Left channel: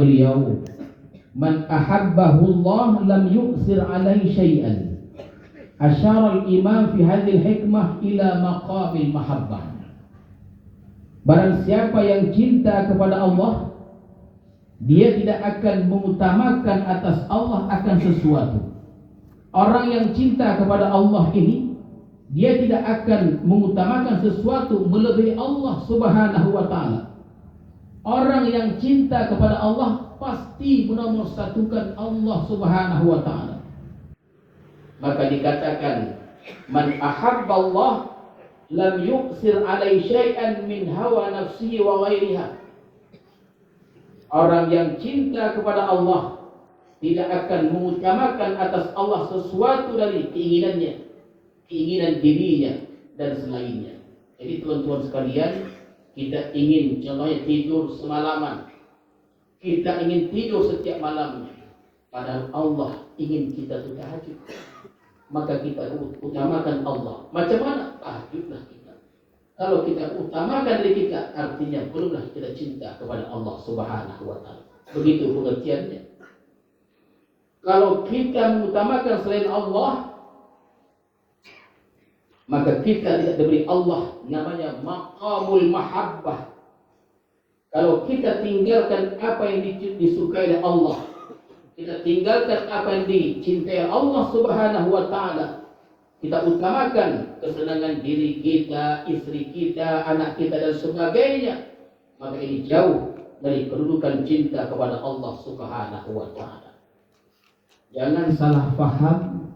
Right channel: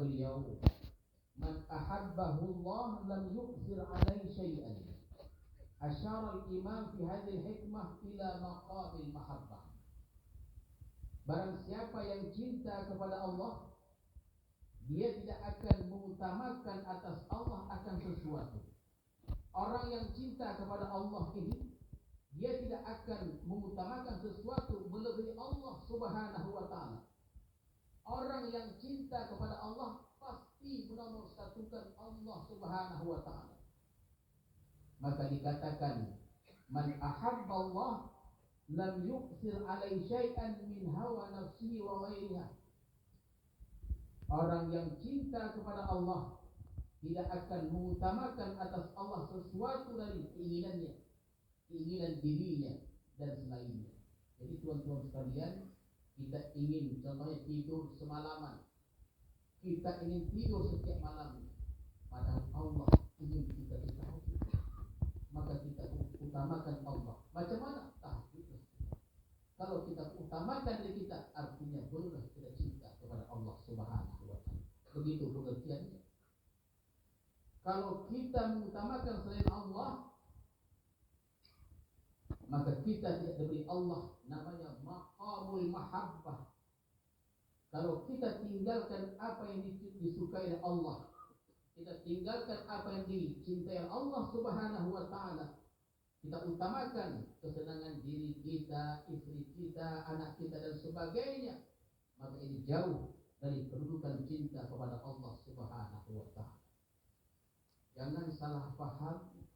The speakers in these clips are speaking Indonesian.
beliau, man ahabbahu Allah lam yu'sir alaihi syai'an. Asyara al-imam fi hadhihi hikmah ila maqamil mahabbah. Barang siapa yang cinta kepada Allah, dia tidak akan mengutamakan atas Allah akan sesuatu. Orang yang cinta kepada Allah ini, dia tidak akan mengutamakan sesuatu melebihi Allah Subhanahu wa taala. Orang yang cinta kepada Allah pasti menomorsatukan Allah Subhanahu wa taala. Maka dikatakan, man ahabba Allah lam yuqsir alai syai'an min hawa nafsihi wa ghairiha. Orang yang cinta kepada Allah tidak akan mengutamakan atas Allah sesuatu dari keinginannya, keinginan dirinya dan selainnya. Jadi teman-teman sekalian, kita ingin contohnya tidur semalaman, kita ingin tidur setiap malamnya, padahal Allah ingin kita tahajud. Maka kita utamakan Allah. Macam mana? Tahajudlah kita. Kalau kita utamakan diri kita, artinya belumlah kita cinta kepada Allah Subhanahu wa taala. Begitu pengertiannya. Kalau kita mengutamakan selain Allah, maka kita tidak diberi Allah namanya maqamul mahabbah. Kalau kita tinggalkan apa yang disukai oleh Allah, kita tinggalkan apa yang dicintai Allah Subhanahu wa taala, kita utamakan kesenangan diri kita, istri kita, anak kita dan sebagainya, maka ini jauh dari kedudukan cinta kepada Allah Subhanahu wa taala. Jangan salah paham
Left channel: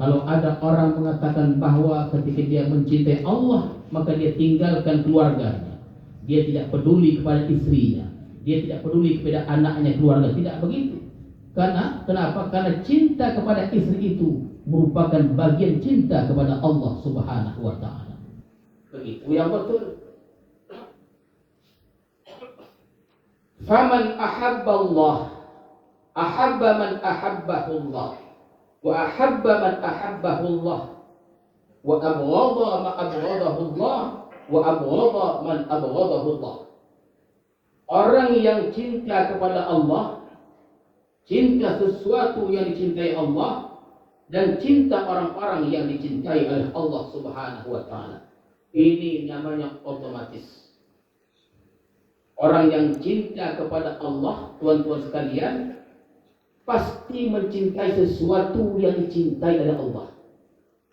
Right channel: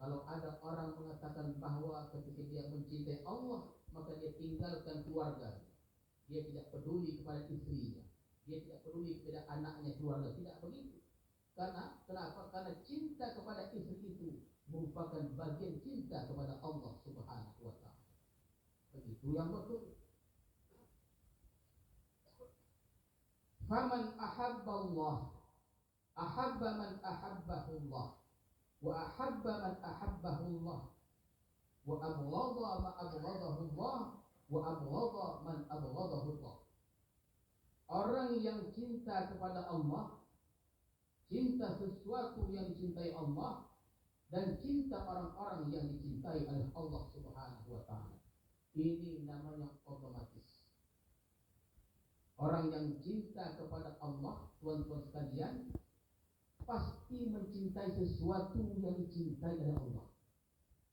kalau ada orang mengatakan bahwa ketika dia mencintai Allah, maka dia tinggalkan keluarganya. Dia tidak peduli kepada istrinya, dia tidak peduli kepada anaknya, keluarga. Tidak begitu. Kenapa? Karena cinta kepada istri itu merupakan bagian cinta kepada Allah Subhanahu wa taala. Begitu yang betul. Faman ahabba Allah, ahabba man ahabbahu Allah, wa ahabba man ahabbahu Allah, wa abghadha man abghadahu Allah, wa abghadha man abghadahu Allah. Orang yang cinta kepada Allah, cinta sesuatu yang dicintai Allah, dan cinta orang-orang yang dicintai oleh Allah Subhanahu wa taala. Ini namanya otomatis. Orang yang cinta kepada Allah, tuan-tuan sekalian, pasti mencintai sesuatu yang dicintai oleh Allah.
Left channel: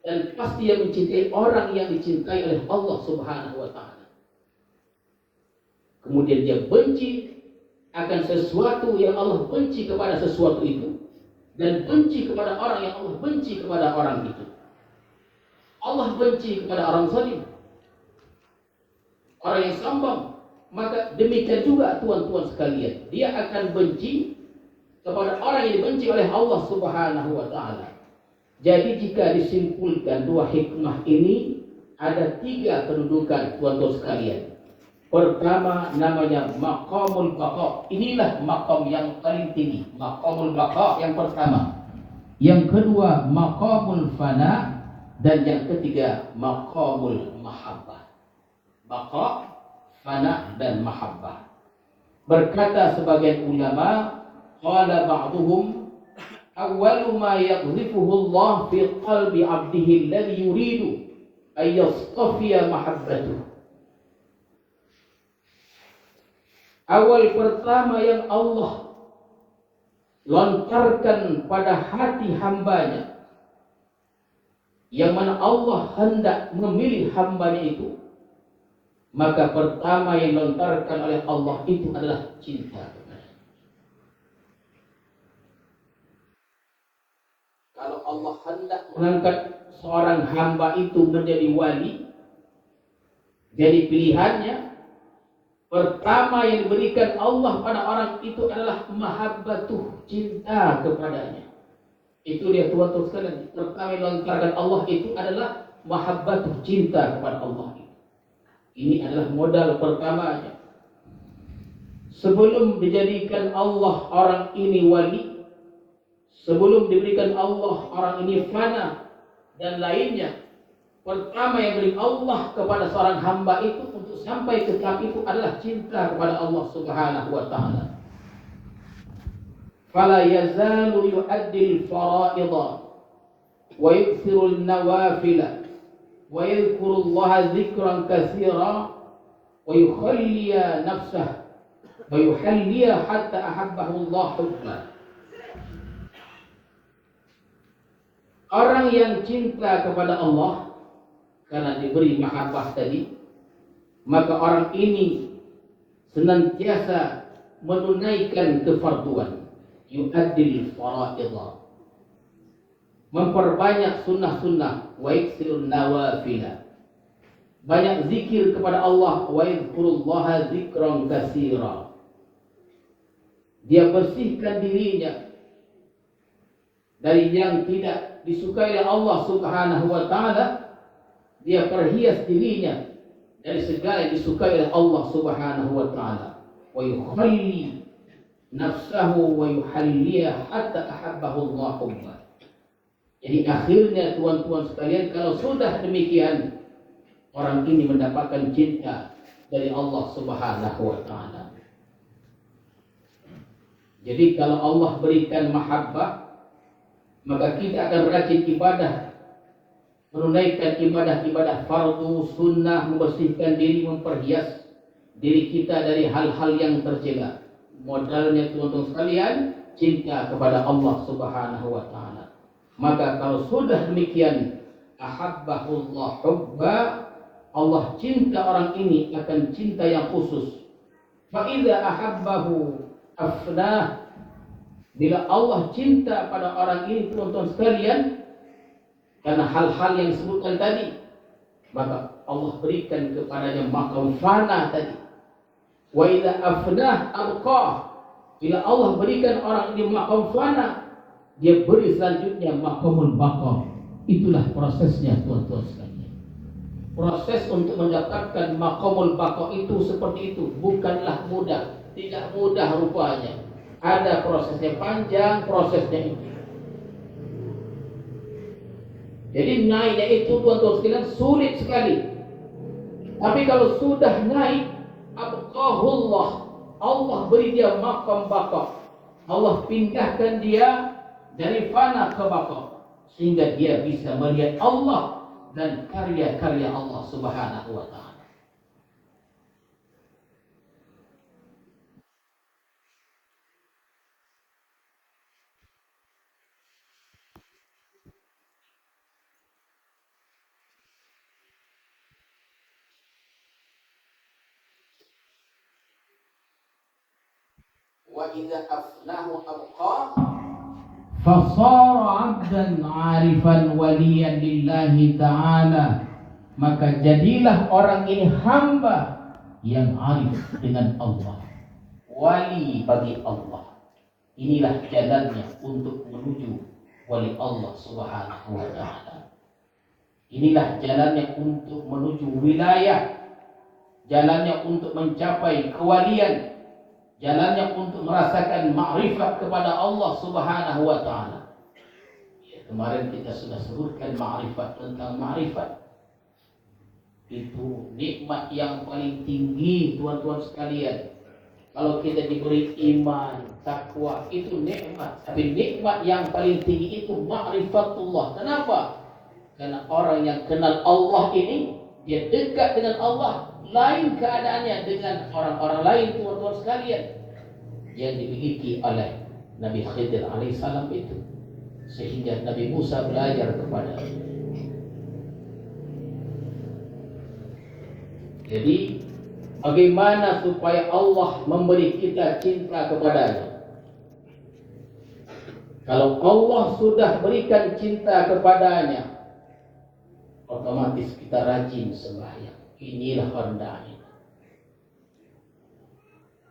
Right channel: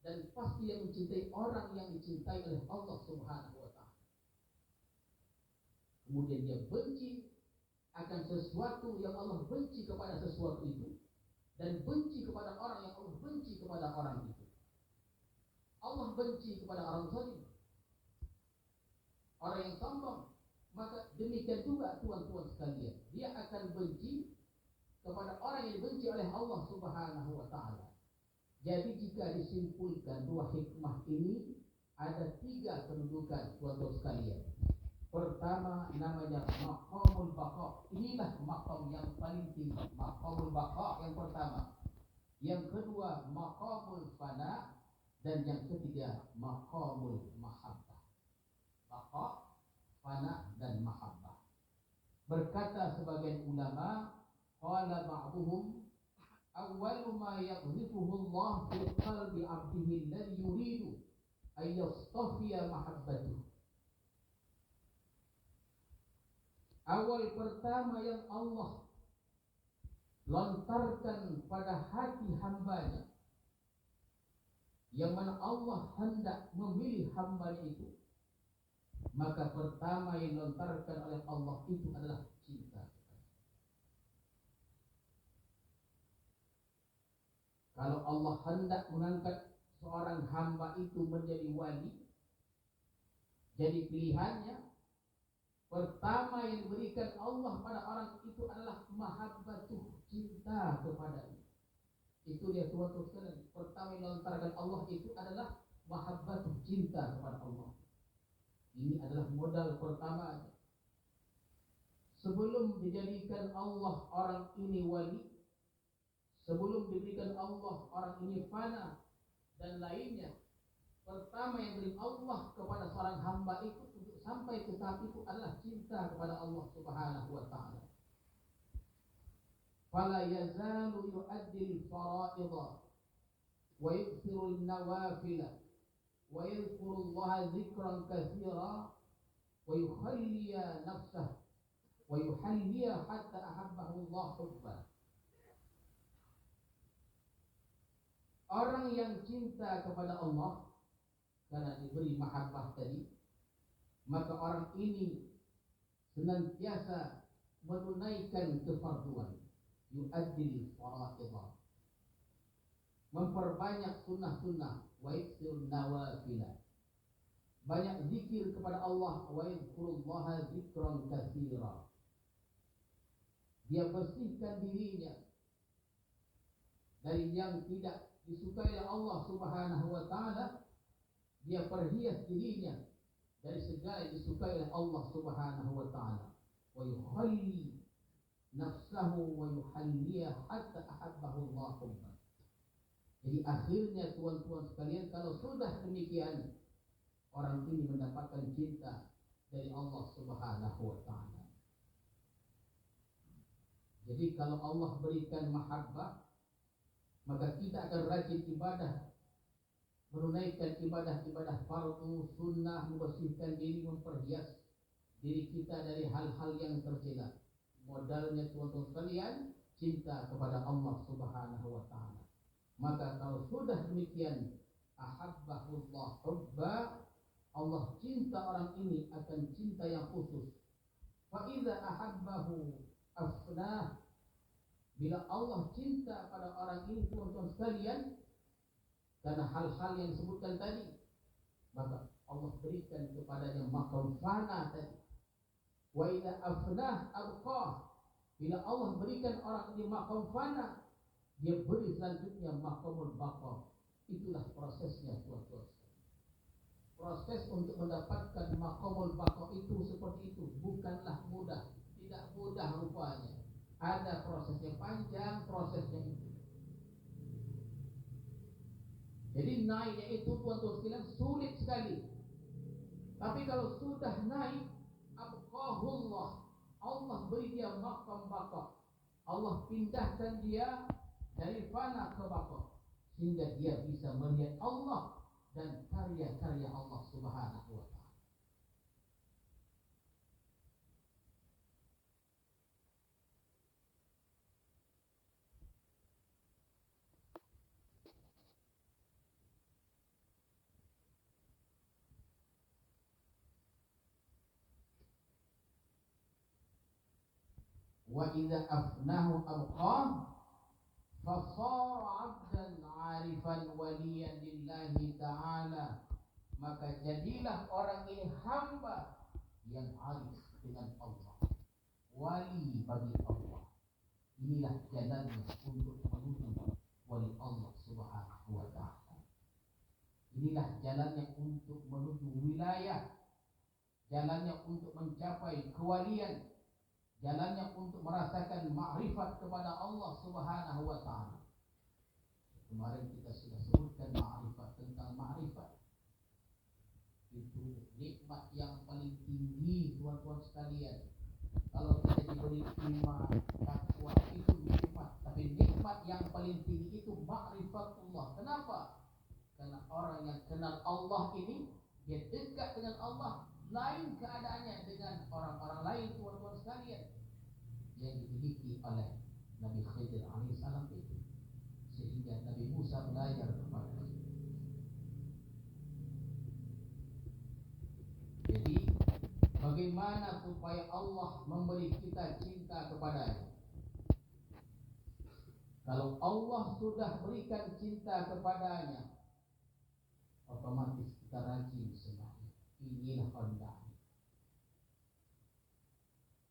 Dan pasti yang mencintai orang yang dicintai oleh Allah Subhanahu wa taala. Kemudian dia benci akan sesuatu yang Allah benci kepada sesuatu itu, dan benci kepada orang yang Allah benci kepada orang itu. Allah benci kepada orang zalim, orang yang sombong. Maka demikian juga tuan-tuan sekalian, dia akan benci kepada orang yang dibenci oleh Allah Subhanahu wa taala. Jadi jika disimpulkan dua hikmah ini, ada tiga kedudukan tuan-tuan sekalian. Pertama namanya maqamul baqa. Inilah maqam yang paling tinggi, maqamul baqa yang pertama. Yang kedua maqamul fana, dan yang ketiga maqamul mahabbah. Baqa, fana dan mahabbah. Berkata sebagian ulama, qala ba'duhum awwalu ma yaqdhifuhu Allah fi qalbi 'abdihi alladhi yuridu ay yastafiya mahabbatuhu. Awal pertama yang Allah lontarkan pada hati hambanya, yang mana Allah hendak memilih hambanya itu, maka pertama yang lontarkan oleh Allah itu adalah cinta. Kalau Allah hendak mengangkat seorang hamba itu menjadi wali, jadi pilihannya, pertama yang diberikan Allah pada orang itu adalah mahabbatuh, cinta kepadanya. Itu dia tuan-tuan sekalian. Pertama yang dilontarkan Allah itu adalah mahabbatuh, cinta kepada Allah. Ini adalah modal pertamanya. Sebelum dijadikan Allah orang ini wali, sebelum diberikan Allah orang ini fana dan lainnya, pertama yang beri Allah kepada seorang hamba itu untuk sampai ke tahap itu adalah cinta kepada Allah Subhanahu wa taala. fala yazalu yu'addil fara'idha wa yuksirul nawafila wa yadhkurullaha dzikran katsira wa yukhalliya nafsah wa yuhalliya hatta ahabbahu Allah hubba. Orang yang cinta kepada Allah karena diberi mahabbah tadi, maka orang ini senantiasa menunaikan kefarduan, yu'addil fara'idha, memperbanyak sunnah-sunnah, wa yaksirun nawafila, banyak zikir kepada Allah, wa yadhkurullaha dzikran katsira, dia bersihkan dirinya dari yang tidak disukai oleh Allah Subhanahu wa taala, dia perhias dirinya dari segala yang disukai oleh Allah Subhanahu wa taala, wa yukhalli nafsahu wa yuhalliya hatta ahabbahu Allah hubba. Jadi akhirnya tuan-tuan sekalian, kalau sudah demikian, orang ini mendapatkan cinta dari Allah Subhanahu wa taala. Jadi kalau Allah berikan mahabbah, maka kita akan rajin ibadah, menunaikan ibadah-ibadah fardu, sunnah, membersihkan diri, memperhias diri kita dari hal-hal yang tercela. Modalnya teman-teman sekalian, cinta kepada Allah Subhanahu wa taala. Maka kalau sudah demikian, ahabbahullah hubba, Allah cinta orang ini akan cinta yang khusus. Fa idza ahabbahu afnah, bila Allah cinta pada orang ini teman-teman sekalian, karena hal-hal yang disebutkan tadi, maka Allah berikan kepadanya maqam fana tadi. Wa idza afnah abqa, bila Allah berikan orang ini maqam fana, dia beri selanjutnya maqamul baqa. Itulah prosesnya tuan-tuan sekalian. Proses untuk mendapatkan maqamul baqa itu seperti itu, bukanlah mudah, tidak mudah rupanya. Ada prosesnya panjang, prosesnya itu. Jadi naiknya itu tuan-tuan sekalian sulit sekali. Tapi kalau sudah naik, abqahullah, Allah beri dia maqam baqa. Allah pindahkan dia dari fana ke baqa, sehingga dia bisa melihat Allah dan karya-karya Allah Subhanahu wa taala. Wa idza afnahu abqa fasara 'abdan 'arifan waliyan lillahi ta'ala, maka jadilah orang ini hamba yang arif dengan Allah, wali bagi Allah. Inilah jalannya untuk menuju wali Allah Subhanahu wa taala. Inilah jalannya untuk menuju wilayah, jalannya untuk mencapai kewalian, jalannya untuk merasakan ma'rifat kepada Allah Subhanahu wa taala. Ya, kemarin kita sudah sebutkan ma'rifat, tentang ma'rifat. Itu nikmat yang paling tinggi tuan-tuan sekalian. Kalau kita diberi iman, takwa, itu nikmat. Tapi nikmat yang paling tinggi itu ma'rifatullah. Kenapa? Karena orang yang kenal Allah ini, dia dekat dengan Allah. Lain keadaannya dengan orang-orang lain tuan-tuan sekalian yang dimiliki oleh Nabi Khidir alaihissalam itu, sehingga Nabi Musa belajar kepada. Jadi bagaimana supaya Allah memberi kita cinta kepadanya? Kalau Allah sudah berikan cinta kepadanya, otomatis kita rajin sembahyang. Inilah hendaknya.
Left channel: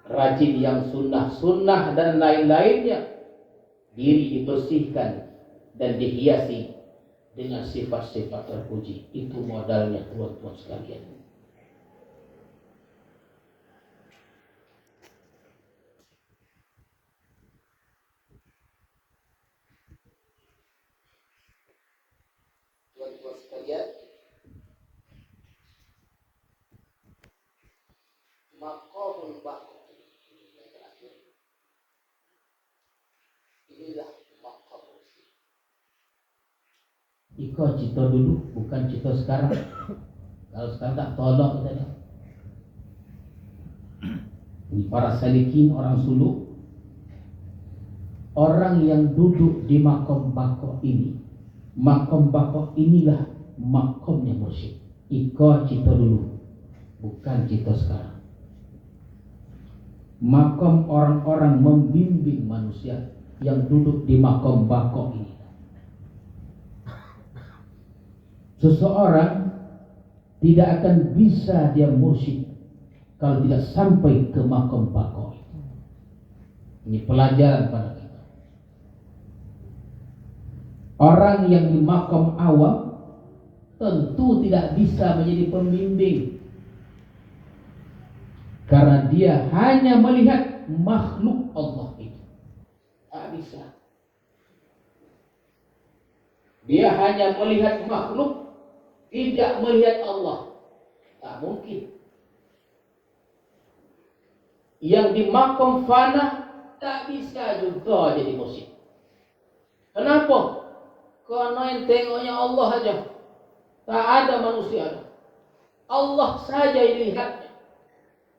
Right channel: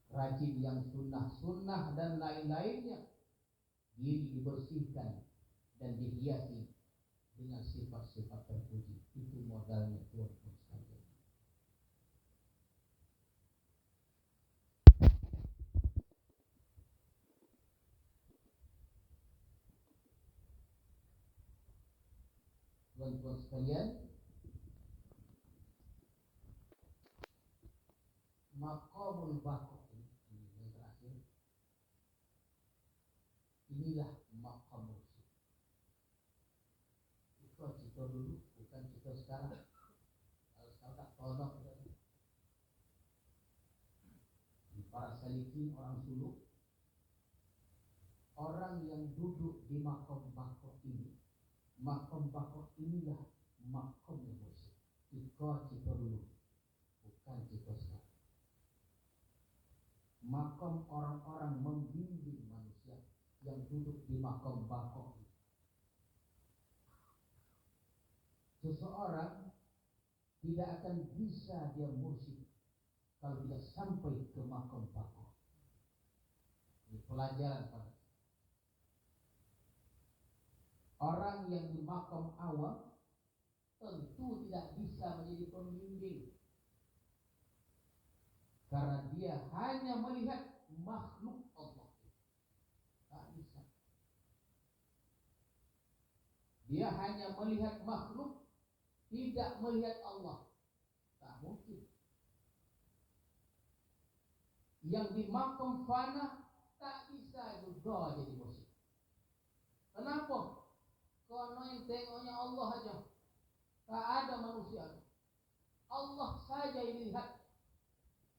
Rajin yang sunnah-sunnah dan lain-lainnya, diri dibersihkan dan dihiasi dengan sifat-sifat terpuji. Itu modalnya tuan-tuan sekalian. Tuan-tuan sekalian, maqamul baqa ini yang terakhir. Inilah maqam mursyid. Iko cita dulu, bukan cita sekarang. Kalau sekarang tak tolak kita dah. Ini para salikin, orang suluk, orang yang duduk di makom bako ini. Makom bako inilah makomnya mursyid. Iko cita dulu, bukan cita sekarang. Makom orang-orang membimbing manusia yang duduk di makom bako ini. Seseorang tidak akan bisa dia mursyid kalau tidak sampai ke makom bako. Ini pelajaran pada kita. Orang yang di makom awam tentu tidak bisa menjadi pembimbing, karena dia hanya melihat makhluk Allah itu. Tak bisa. Dia hanya melihat makhluk, tidak melihat Allah. Tak mungkin. Yang di makom fana tak bisa juga jadi mursyid. Kenapa? Karena yang tengoknya Allah saja. Tak ada manusia. Allah saja yang dilihatnya.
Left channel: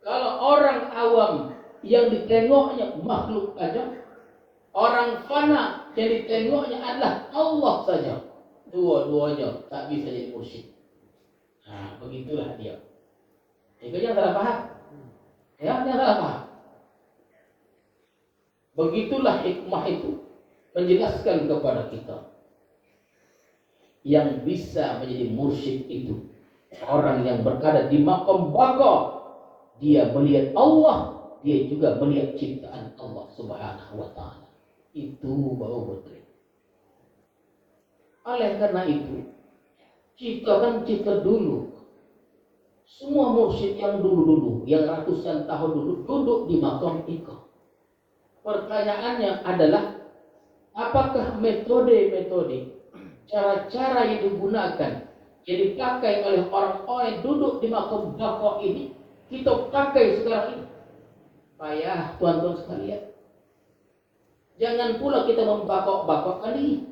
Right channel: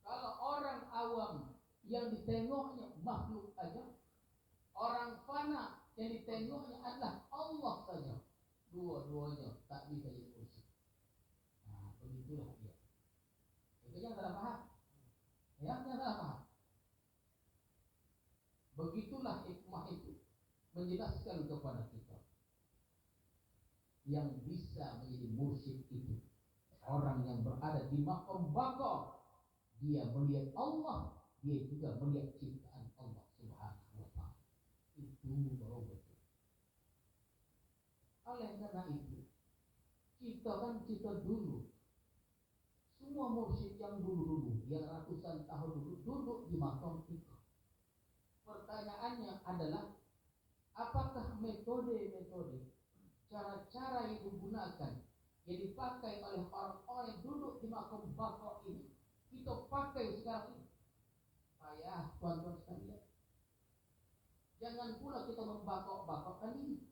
Kalau orang awam yang ditengoknya makhluk saja, orang fana yang ditengoknya adalah Allah saja. Dua-duanya tak bisa jadi mursyid. Nah, begitulah dia. Itu yang salah paham. Ya, yang salah paham. Begitulah hikmah itu menjelaskan kepada kita. Yang bisa menjadi mursyid itu orang yang berada di maqam baqa. Dia melihat Allah, dia juga melihat ciptaan Allah Subhanahu wa taala. Itu baru betul. Oleh karena itu, cipta dulu. Semua mursyid yang dulu-dulu, yang ratusan tahun dulu duduk di maqam itu. Pertanyaannya adalah, apakah metode-metode, cara-cara yang digunakan, yang dipakai oleh orang-orang yang duduk di maqam baqa ini, kita pakai sekarang ini? Payah tuan-tuan sekalian. Jangan pula kita membakok-bakokkan diri,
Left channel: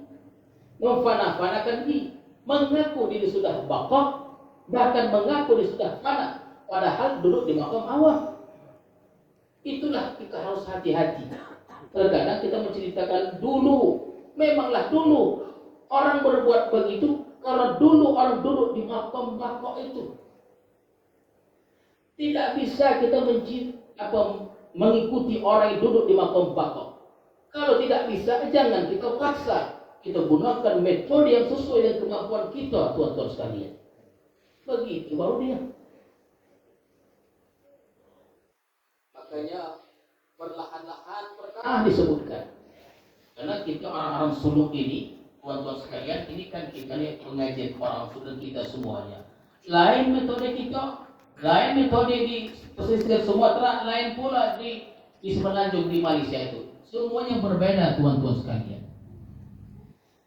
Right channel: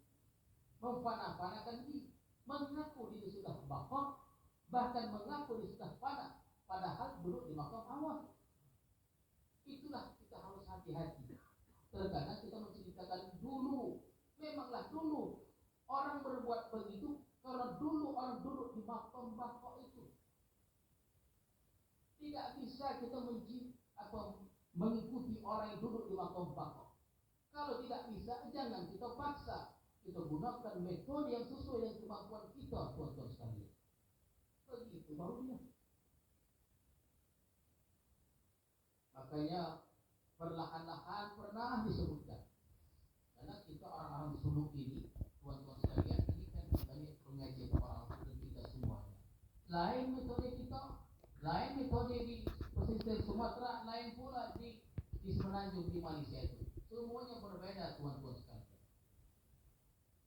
memfana-fanakan diri, mengaku diri sudah bakok, bahkan mengaku diri sudah fana, padahal duduk di maqam awam. Itulah kita harus hati-hati. Terkadang kita menceritakan dulu, memanglah dulu orang berbuat begitu karena dulu orang duduk di maqam baqa itu. Tidak bisa kita mengikuti orang yang duduk di maqam baqa. Kalau tidak bisa, jangan kita paksa. Kita gunakan metode yang sesuai dengan kemampuan kita, tuan-tuan sekalian. Begitu baru dia. Makanya perlahan-lahan pernah disebutkan. Karena kita orang-orang suluk ini, tuan-tuan sekalian, ini kan kita lihat pengajian orang suluk kita semuanya. Lain metode kita, lain metode di pesisir Sumatera, lain pula di Semenanjung di Malaysia itu. Semuanya berbeda, tuan-tuan sekalian.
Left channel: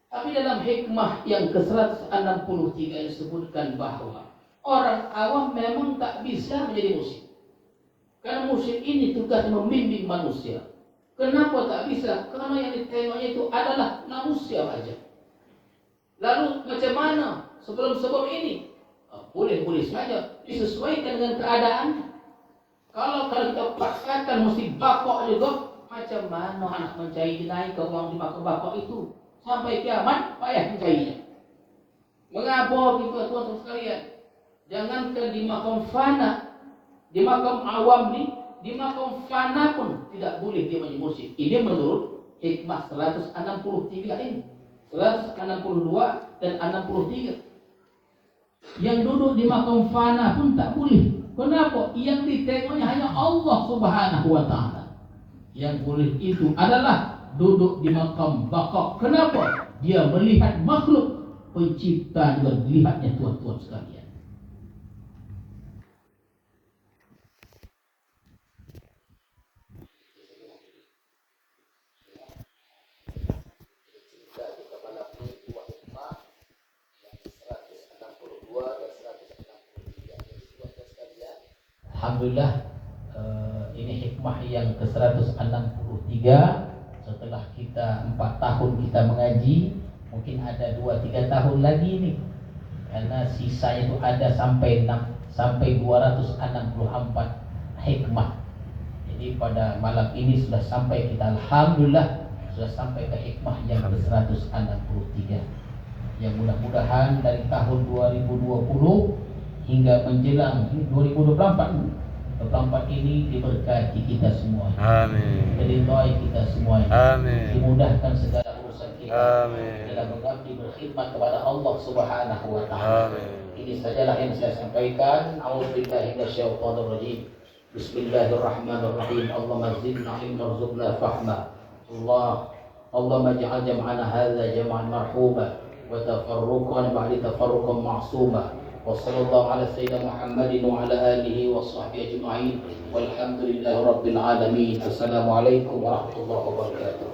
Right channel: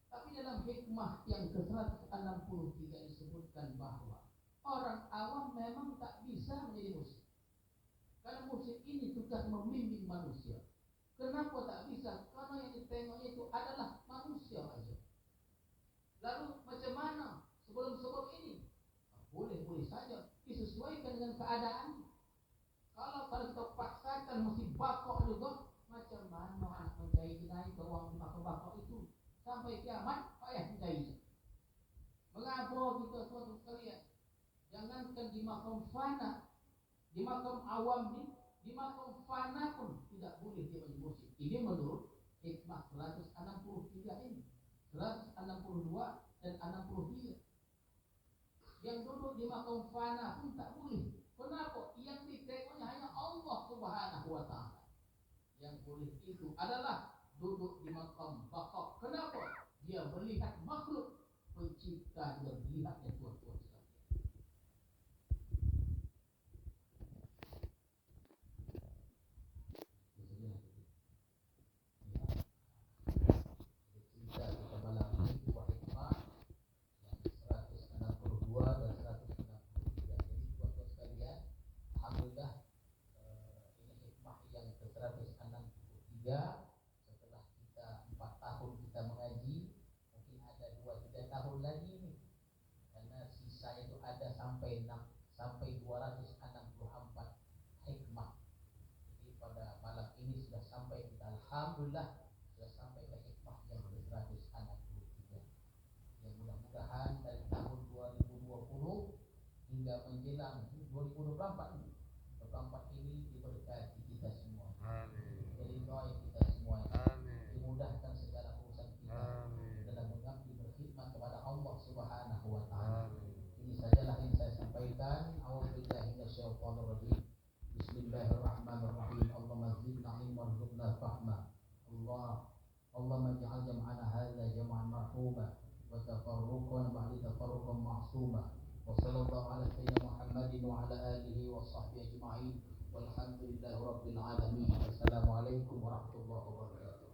Tapi dalam hikmah yang ke-163 disebutkan bahwa orang awam memang tak bisa menjadi mursyid. Karena mursyid ini tugas membimbing manusia. Kenapa tak bisa? Karena yang ditengoknya itu adalah manusia saja. Lalu macam mana sebelum ini? Boleh-boleh saja disesuaikan dengan keadaannya. Kalau kita paksakan mesti bakok juga, macam mana anak mencari naik ke orang di bakok itu? Sampai kiamat payah mencarinya. Mengapa kita tuan-tuan sekalian? Jangankan di makam fana, di makam awam ni, di makam fana pun tidak boleh dia menjadi mursyid. Ini menurut hikmah 163 ini. 162 dan 63. Yang duduk di makam fana pun tak boleh. Kenapa? Yang ditengoknya hanya Allah Subhanahu wa taala. Yang boleh itu adalah duduk di makam baqa. Kenapa? Dia melihat makhluk, pencipta juga dilihatnya, tuan-tuan sekalian. Alhamdulillah, ini hikmah yang ke-163 setelah kita sudah 4 tahun kita mengaji, mungkin ada 2-3 tahun lagi nih, karena sisanya itu ada sampai 264 hikmah. Jadi pada malam ini sudah sampai kita, alhamdulillah sudah sampai ke hikmah yang ke-163. Yang mudah-mudahan dari tahun 2020 hingga menjelang 2024 ini diberkati kita semua. Amin. Diridhai kita semua. Amin. Dimudahkan segala urusan kita. Amin. Dalam mengabdi berkhidmat kepada Allah Subhanahu wa taala. Amin. Ini sajalah yang saya sampaikan. A'udzubillahi minasyaitonir rajim. Bismillahirrahmanirrahim. Allahumma zidna ilman warzuqna fahma. Allahumma ij'al jam'ana hadza jam'an marhuma wa tafarruqana ba'da tafarruqan ma'suma. Wa sallallahu ala sayyidina Muhammadin wa ala alihi wa sahbihi ajma'in. Walhamdulillahi rabbil alamin. Assalamualaikum warahmatullahi wabarakatuh.